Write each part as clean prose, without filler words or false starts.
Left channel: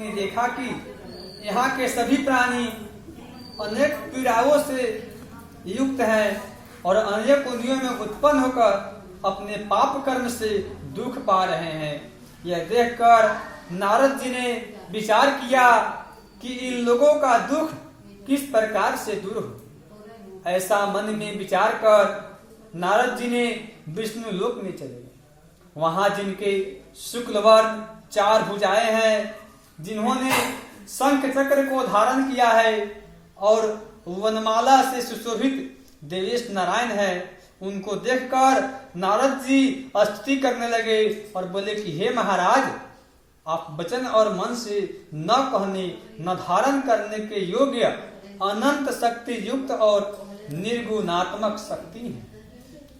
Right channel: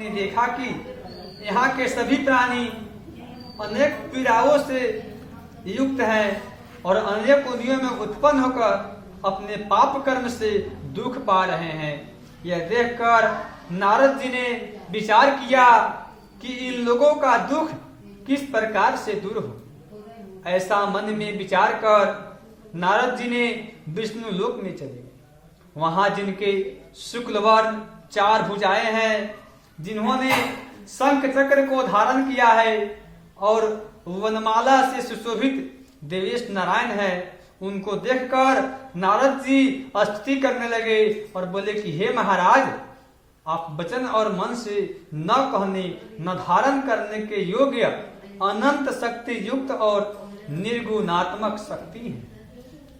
ने देखा कि यहाँ के सभी प्राणी अनेक पीड़ाओं से युक्त हैं और अनेक योनियों में उत्पन्न होकर अपने पाप कर्म से दुख पा रहे हैं। यह देखकर नारद जी ने विचार किया कि इन लोगों का दुख किस प्रकार से दूर हो। ऐसा मन में विचार कर नारद जी ने विष्णु लोक में चले। वहां जिनके शुक्ल वर्ण 4 भुजाएं हैं, जिन्होंने शंख चक्र को धारण किया है और वनमाला से सुशोभित देवेश नारायण है, उनको देखकर नारद जी स्तुति करने लगे और बोले कि हे महाराज, आप वचन और मन से न कहने न धारण करने के योग्य अनंत शक्ति युक्त और निर्गुणात्मक शक्ति हैं।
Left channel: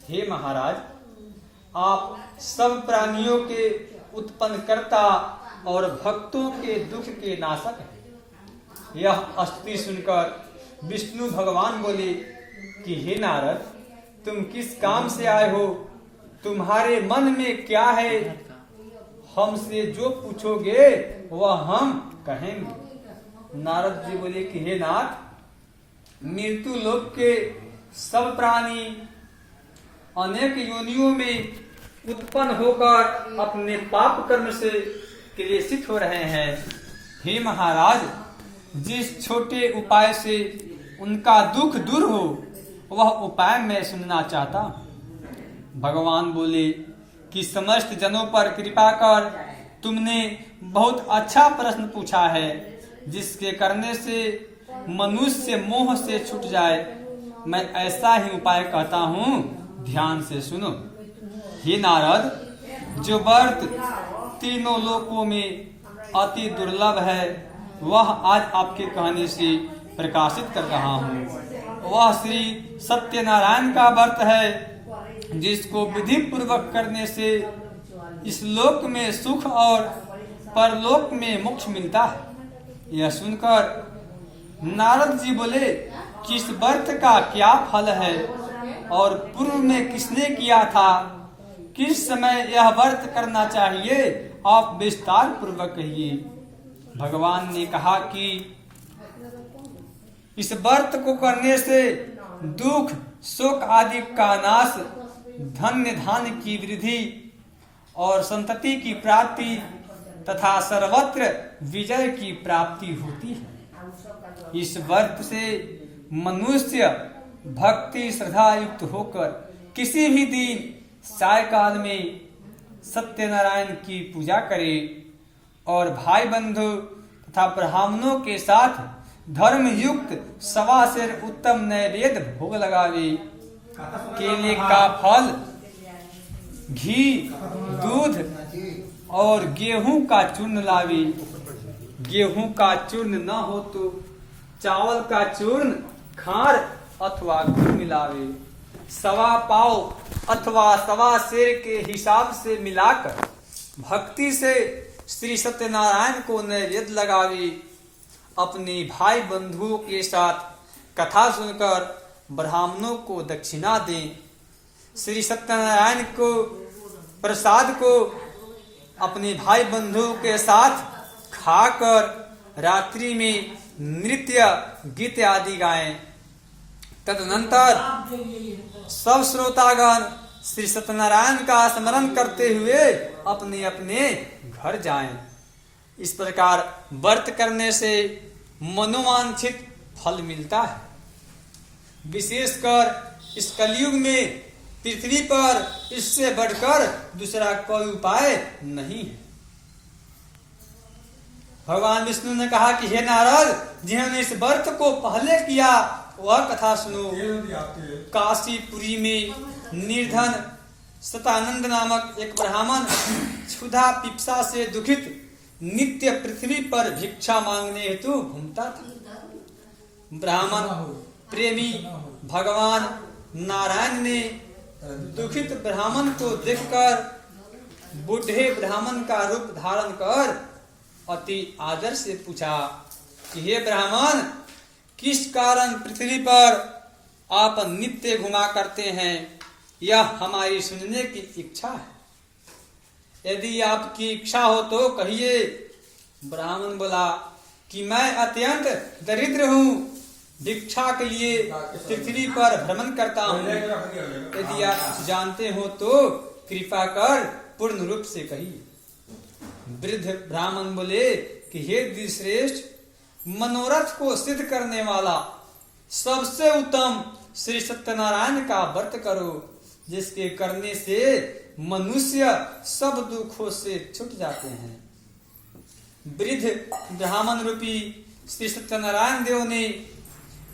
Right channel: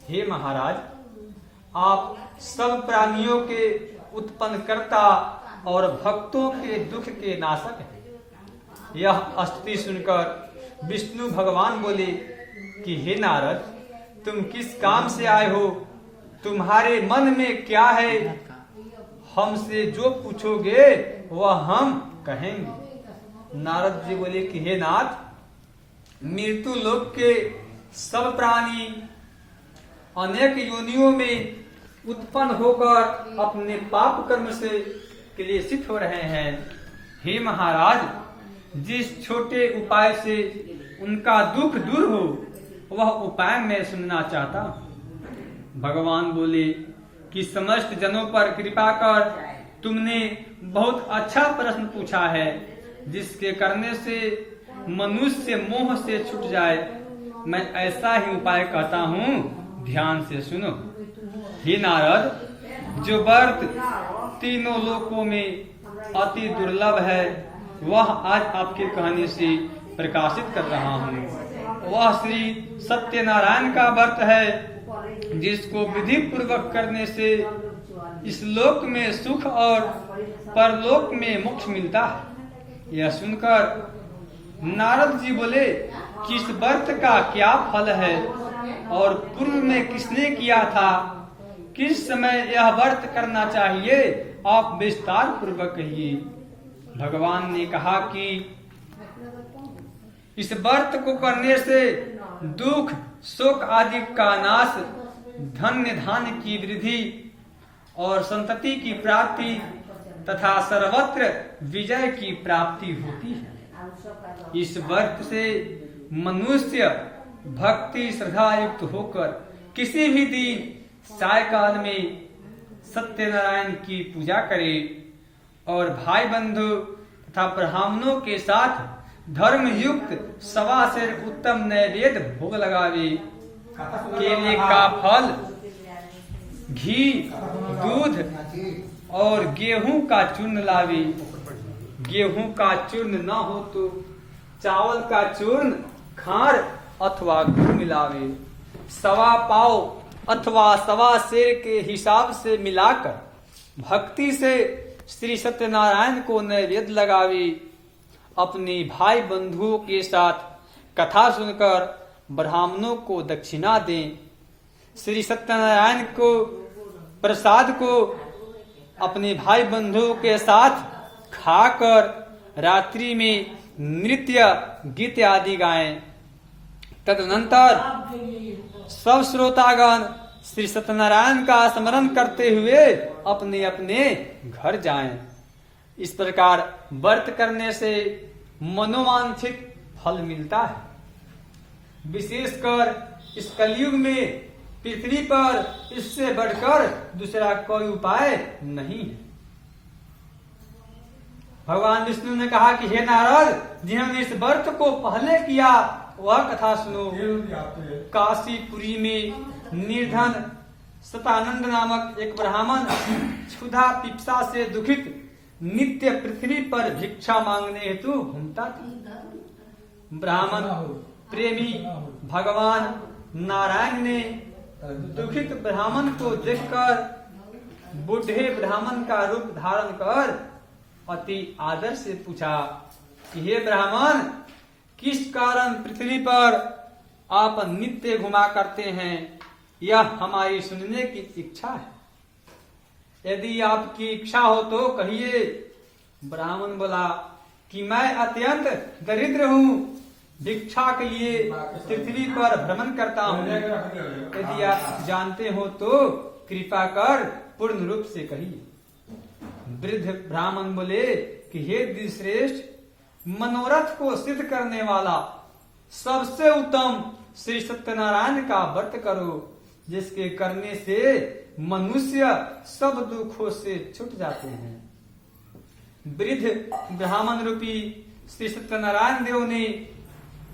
हे महाराज, आप सब प्राणियों के उत्पन्न करता और भक्तों के दुख के नाशक हैं। यह स्तुति सुनकर विष्णु भगवान बोले कि हे नारद, तुम किस काम से आए हो? तुम्हारे मन में क्या है? हमसे जो पूछोगे वह हम कहेंगे। नारद जी बोले कि हे नाथ, मृत्यु लोक के सब प्राणी अनेक योनियों में उत्पन्न होकर अपने पाप कर्म से क्लेशित हो रहे हैं। हे महाराज, जिस छोटे उपाय से उनका दुख दूर हो वह उपाय मैं सुनना चाहता हूं। भगवान बोले कि समस्त जनों पर कृपा कर तुमने बहुत अच्छा प्रश्न पूछा है, जिसके करने से मनुष्य मोह से छूट जाए। मैं ऐसा ही उपाय कहता हूँ, ध्यान से सुनो। हे नारद, जो व्रत तीनों लोकों में अति दुर्लभ है वह आज आपके कहने से प्रकाशित कर रहा हूँ। वह श्री सत्यनारायण का व्रत है, जिसको विधि पूर्वक करने से इस लोक में सुख और परलोक में मोक्ष मिलता है। यह सुनकर नारद जी बोले कि इस व्रत का क्या फल है और पूर्व में किसने किया था, किस समय यह व्रत करना चाहिए, आप विस्तार पूर्वक कहिए। भगवान ने कहा कि इस व्रत को करने से दुख शोक आदि का नाश, धन्य धान्य की वृद्धि और संतति की प्राप्ति तथा सर्वत्र विजय की प्राप्ति होती है। इस व्रत से मनुष्य भक्ति श्रद्धा युक्त होकर किसी भी दिन सायकाल में सत्यनारायण की पूजा करे और भाई बंधु तथा ब्राह्मणों के साथ धर्म युक्त 1.25 सेर उत्तम नैवेद्य भोग लगावे। केले का फल, घी, दूध और गेहूं का चूर्ण लावे। गेहूं का चूर्ण न हो तो चावल का चूर्ण, खार अथवा गुड़ मिलावे। 1.25 पाव अथवा 1.25 सेर के हिसाब से मिलाकर भक्ति से श्री सत्यनारायण को नैवेद्य लगावे। अपने भाई बंधुओं के साथ कथा सुनकर ब्राह्मणों को दक्षिणा दें। श्री सत्यनारायण को प्रसाद को अपने भाई बंधुओं के साथ खाकर रात्रि में नृत्य गीत आदि गाएं। तदनंतर सब श्रोतागण श्री सत्यनारायण का स्मरण करते हुए अपने अपने घर जाएं। इस प्रकार व्रत करने से मनोवांछित फल मिलता है। विशेषकर इस कलयुग में पृथ्वी पर इससे बढ़कर दूसरा कोई उपाय नहीं है। भगवान विष्णु ने कहा कि हे नारद, जिन्होंने इस व्रत को पहले किया वह कथा सुनो। काशीपुरी में निर्धन सतानंद नामक एक ब्राह्मण क्षुधा पिपासा से दुखित नित्य पृथ्वी पर भिक्षा मांगने हेतु घूमता था। ब्राह्मण प्रेमी भगवान नारायण ने दुखित ब्राह्मण को देखकर बूढ़े ब्राह्मण का रूप धारण कर अति आदर से पूछा कि हे ब्राह्मण, किस कारण पृथ्वी पर आप नित्य घुमा करते हैं? यह हमारी सुनने की इच्छा है। यदि आपकी इच्छा हो तो कहिए, ब्राह्मण बोला कि मैं अत्यंत दरिद्र हूँ, भिक्षा के लिए पृथ्वी पर भ्रमण करता हूँ। यदि आप जानते हो तो कृपा कर पूर्ण रूप से कहिए। वृद्ध ब्राह्मण बोले कि हे द्विश्रेष्ठ, मनोरथ को सिद्ध करने वाला सबसे उत्तम श्री सत्यनारायण का व्रत करो, जिसके करने से मनुष्य सब दुखों से छूट जाते हैं। वृद्ध ब्राह्मण रूपी श्री सत्यनारायण देव ने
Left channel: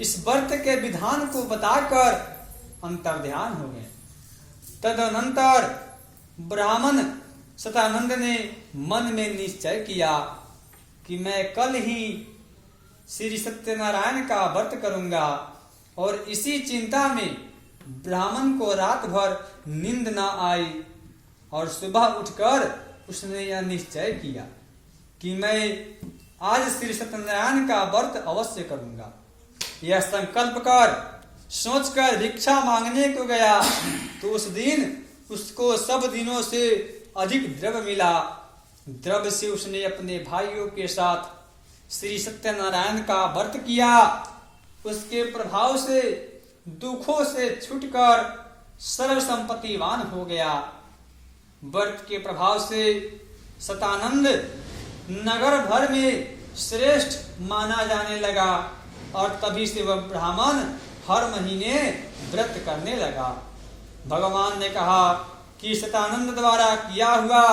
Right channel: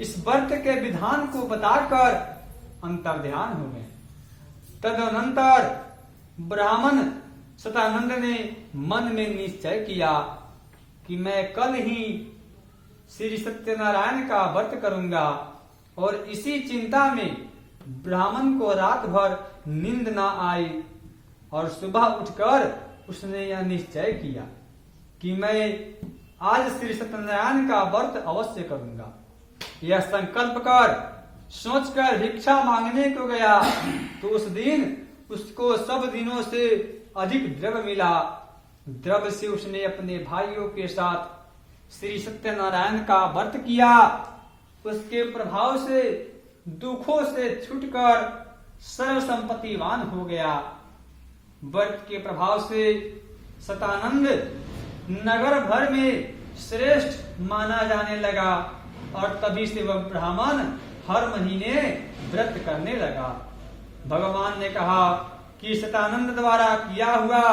इस व्रत के विधान को बताकर अंतर्ध्यान हो गए। तदनंतर ब्राह्मण सतानंद ने मन में निश्चय किया कि मैं कल ही श्री सत्यनारायण का व्रत करूंगा, और इसी चिंता में ब्राह्मण को रात भर नींद न आई, और सुबह उठकर उसने यह निश्चय किया कि मैं आज श्री सत्यनारायण का व्रत अवश्य करूंगा। यह संकल्प कर सोचकर भिक्षा मांगने को गया तो उस दिन उसको सब दिनों से अधिक द्रव्य मिला। द्रव्य से उसने अपने भाइयों के साथ श्री सत्यनारायण का व्रत किया। उसके प्रभाव से दुखों से छूटकर सर्व संपत्तिवान हो गया। व्रत के प्रभाव से सतानंद नगर भर में श्रेष्ठ माना जाने लगा, और तभी से वह ब्राह्मण हर महीने व्रत करने लगा। भगवान ने कहा कि सतानंद द्वारा किया हुआ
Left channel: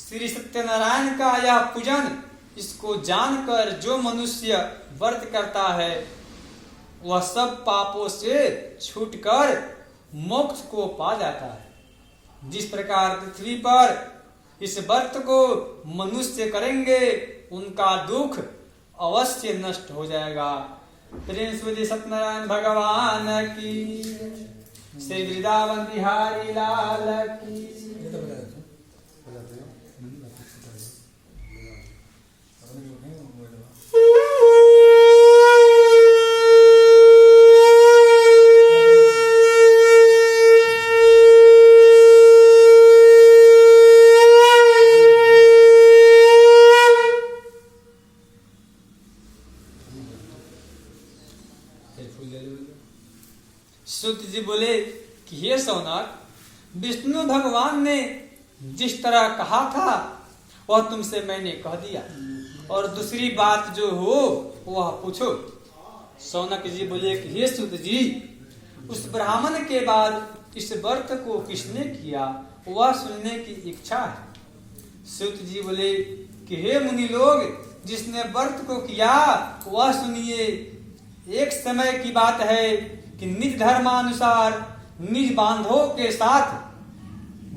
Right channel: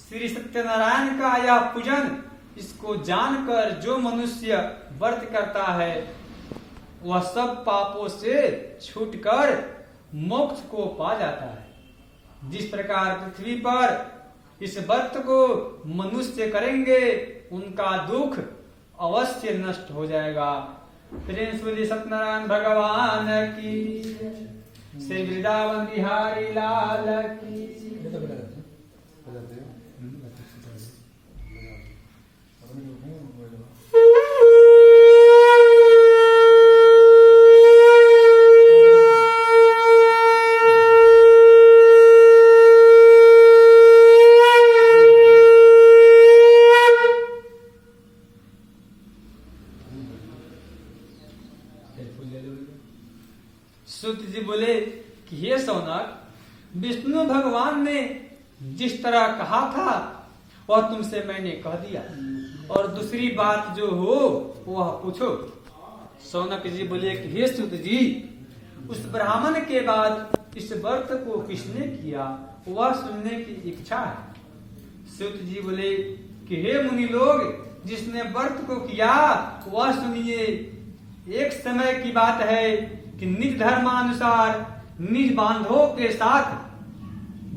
श्री सत्यनारायण का यह पूजन, इसको जानकर जो मनुष्य व्रत करता है वह सब पापों से छूटकर मोक्ष को पा जाता है। जिस प्रकार पृथ्वी पर इस व्रत को मनुष्य करेंगे उनका दुख अवश्य नष्ट हो जाएगा। प्रेम से सत्यनारायण भगवान की, श्री वृंदावन बिहारी लाल की। सूत जी बोले कि हे सौनक, विष्णु भगवान ने जिस तरह कहा था वह तुमसे मैंने कह दिया, और दूसरी बात जो हो वह पूछो। सौनक जी बोले कि हे सूत जी, उस ब्राह्मण के बाद इस व्रत को किसने किया वह सुनने की इच्छा है। सूत जी बोले कि हे मुनि लोग, जिसने व्रत को किया वह सुनिए। एक समय की बात है कि निज धर्मानुसार निज बांधवों के साथ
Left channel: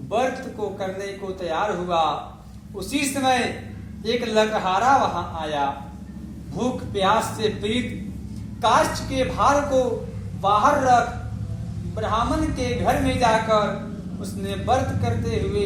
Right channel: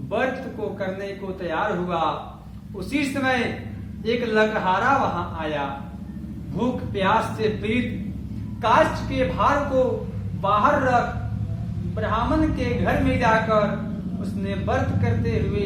व्रत को करने को तैयार हुआ। उसी समय एक लकहारा वहां आया। भूख प्यास से पीड़ित काष्ठ के भार को बाहर रख ब्राह्मण के घर में जाकर उसने व्रत करते हुए